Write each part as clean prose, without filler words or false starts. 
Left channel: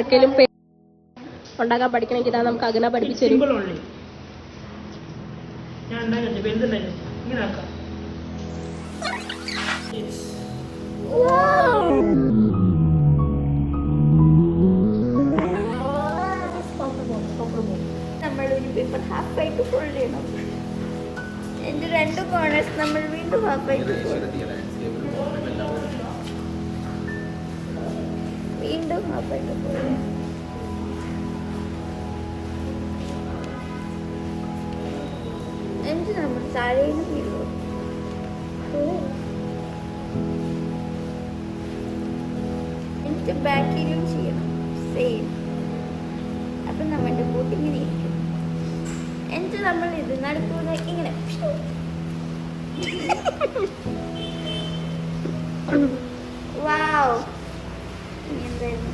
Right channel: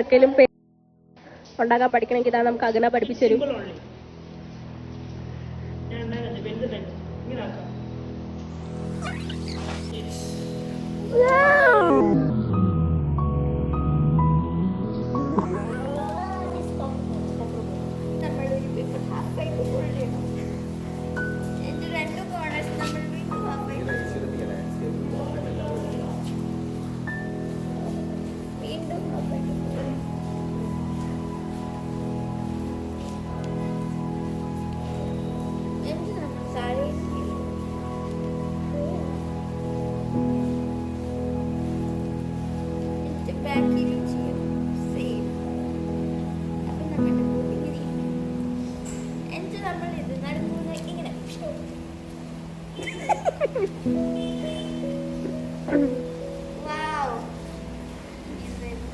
ഒരിക്കലും ഉണ്ടാക്കാൻ പഠിക്കണമെങ്കിൽ ഇതാ നമുക്ക് അകന പഠിപ്പിച്ചു തരും. നമ്മളൊരു പേപ്പർ ഹാഫായിട്ട് ഫോൾഡ് ചെയ്യണം. എന്റെ 2 കോർണേഴ്സ് നമ്മൾ വീണ്ടും ഹാഫായിട്ട് വീണ്ടും ഹാഫായിട്ട് ഫോൾഡ് ചെയ്യണം. എന്നിട്ട് നമ്മൾ താഴേന്ന് വീഴും. എന്നിട്ട് ബാക്കിലും ചെയ്യണം സെയിം. അപ്പൊ നമ്മുടെ ബോട്ട് ഇങ്ങനെ ഇരിക്കും. എന്നിട്ട് നമ്മൾ ഇത് നടത്തുന്ന ഇങ്ങനെ വാവ്. എന്തായിരുന്നു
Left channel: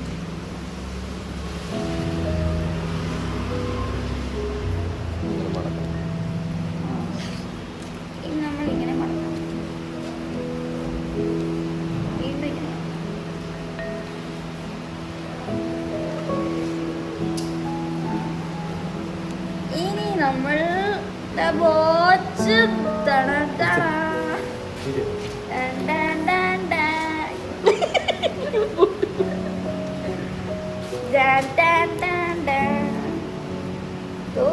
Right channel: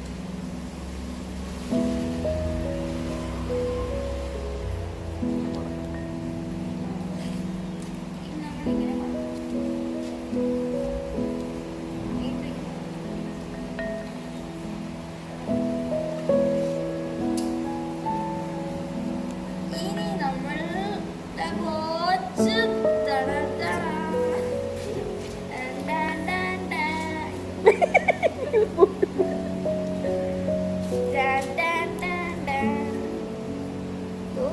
നമ്മളിങ്ങനെ മടക്കാം. വീണ്ടും ഇങ്ങനെ. ഇനി നമ്മൾ ബോച്ച്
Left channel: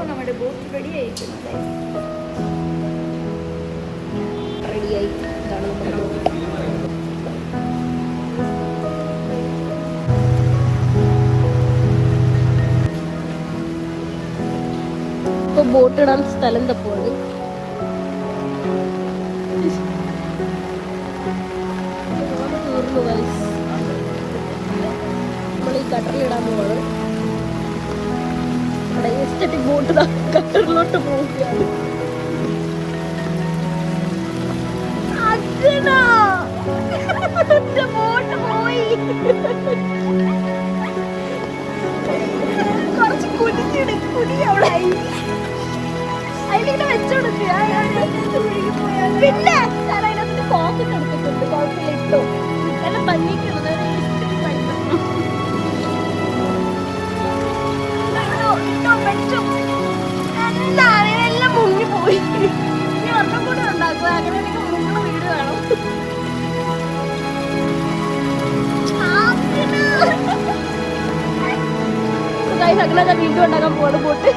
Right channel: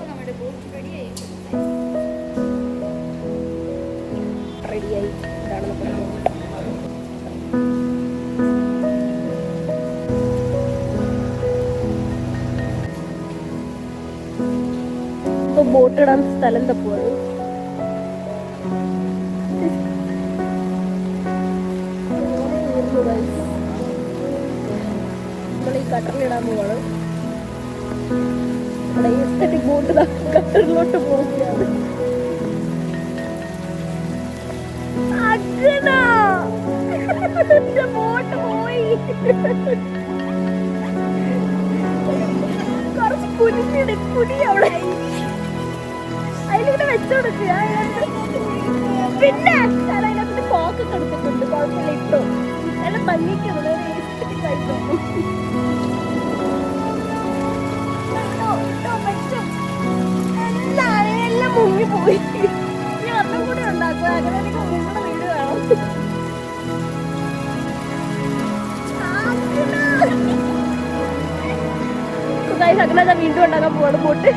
നമ്മുടെ ബോട്ട് റെഡി ആയിരിക്കുന്നത്. റെഡിയായി. ഇതാണ് നമ്മുടെ ബോട്ട്. ഇപ്പൊ ബോട്ട് ഇടാൻ സ്ഥലം തപ്പുണ്ട്. നമ്മൾ ഈ കട്ടറിലിടാൻ പോവാണ്. നമ്മുടെ എസ്തറ്റിക് ബോട്ട് കട്ടറിലോട്ട് പോവുകയാണ്. ബോട്ട് പോയി. കുറച്ച് കുനിഞ്ഞിട് കുനി അവിടെ അതിലിങ്ങനെ വെച്ചോടുക്കുക. പിന്നെ അതിനകത്ത് പോക്കറ്റ് എടുത്തിട്ടുണ്ട്. കുഴപ്പമില്ല, ഇട്ടോ എന്നെ പഞ്ഞിക്കുന്നത് എസ്തറ്റിക് ആയിട്ടോ. എന്താണ് എല്ലാം മുങ്ങിപ്പോയി. ഇനി ഒന്നും കൂടി ഉണ്ടാക്കുക. അങ്ങനെ മുങ്ങുന്ന വീട് വേണം. അങ്ങനെ വീണ്ടും ഉണ്ടാക്കാൻ പോവാണ് ബോട്ട്.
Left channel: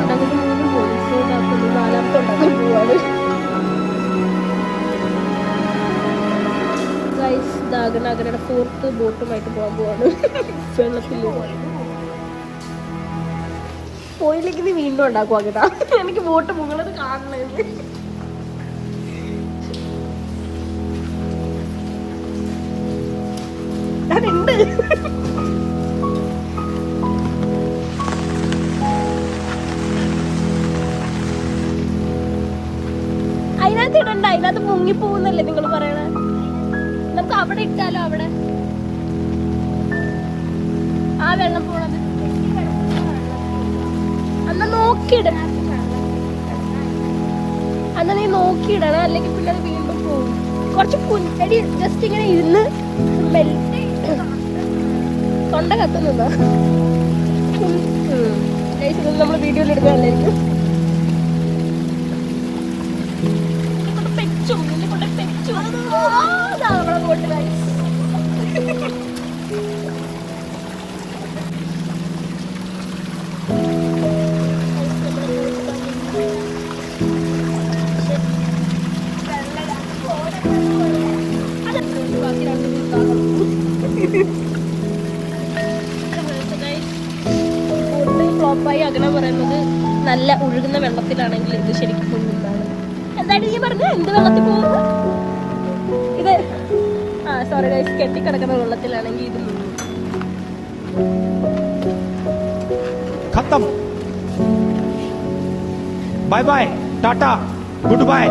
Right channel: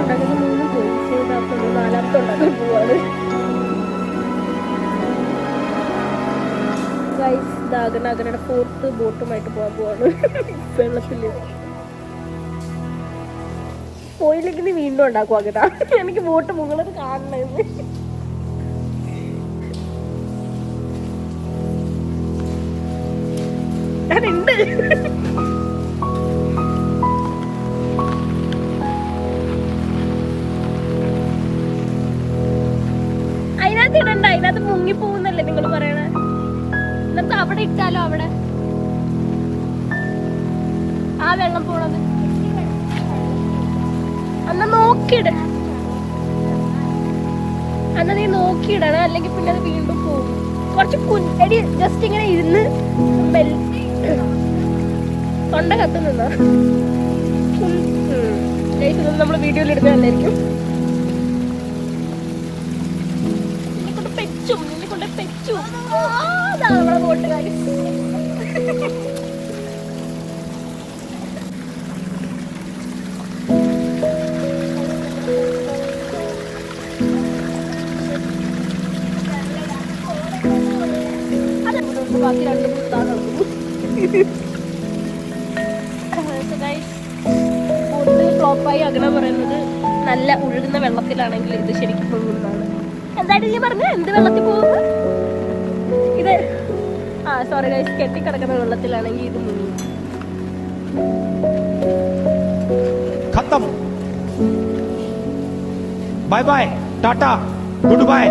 ഉണ്ടാക്കുന്നത് 3 പോയിന്റ്സ് ഉണ്ടാക്കുന്നു. 4ാമത്തെ ഉണ്ടാക്കാൻ പോവാണ്. അകനയുടെ 4th ബോട്ടുമായിട്ട് പോകാൻ പോവാണ്. വെള്ളത്തില് പോയില്ലെങ്കിൽ വീണ്ടും ഉണ്ടാക്കും അകത. എനിക്ക് ബോട്ട് മുകളത് കാണണമെന്ന്. അതുണ്ട്. അതിനകത്ത് ഇടണ്ട. അതിനകത്ത് മുങ്ങിപ്പോകുന്നല്ലേ നിങ്ങൾ പറയണേ. നമുക്ക് അവിടെ ഇട്ടാലോ? അവിടെ ആ വെള്ളം പോണത് അന്ന് നോക്കിയിട. അന്ന് നീ നോക്കിയിടണം, അല്ലെങ്കിൽ പിന്നെ അത് വീണ്ടും പോകും. കുറച്ച് എടി ജസ്റ്റ് ഇങ്ങനെ ഇരുന്ന് തൊണ്ട കത്തുന്നുണ്ടോ? നമ്മൾ വീഡിയോയിൽ ഇടുന്നതല്ലായിരിക്കും. നിന്നെ കൊണ്ട് പെച്ചു. നമ്മളെ ബോട്ടുകാരി ബാക്കി 2 ബോട്ട് ഫ്ലോപ്പായി. അങ്ങനെ പറയുന്നത് നല്ല ഒഴുകുന്ന വെള്ളത്തിലാണെങ്കിൽ ഇത് ശരിക്കും മുങ്ങുന്നതാണ്. എന്തായിട്ട് നീ പറഞ്ഞു? എന്ത് വെള്ളത്തിൽ പോകുന്നു ഇത്? സോറി ഗൈസ്, കെട്ടിക്കിടക്കുന്ന വെള്ളത്തിലാണെങ്കിൽ ഇത് മുങ്ങും. खत्म. Bye bye, tata, good bye.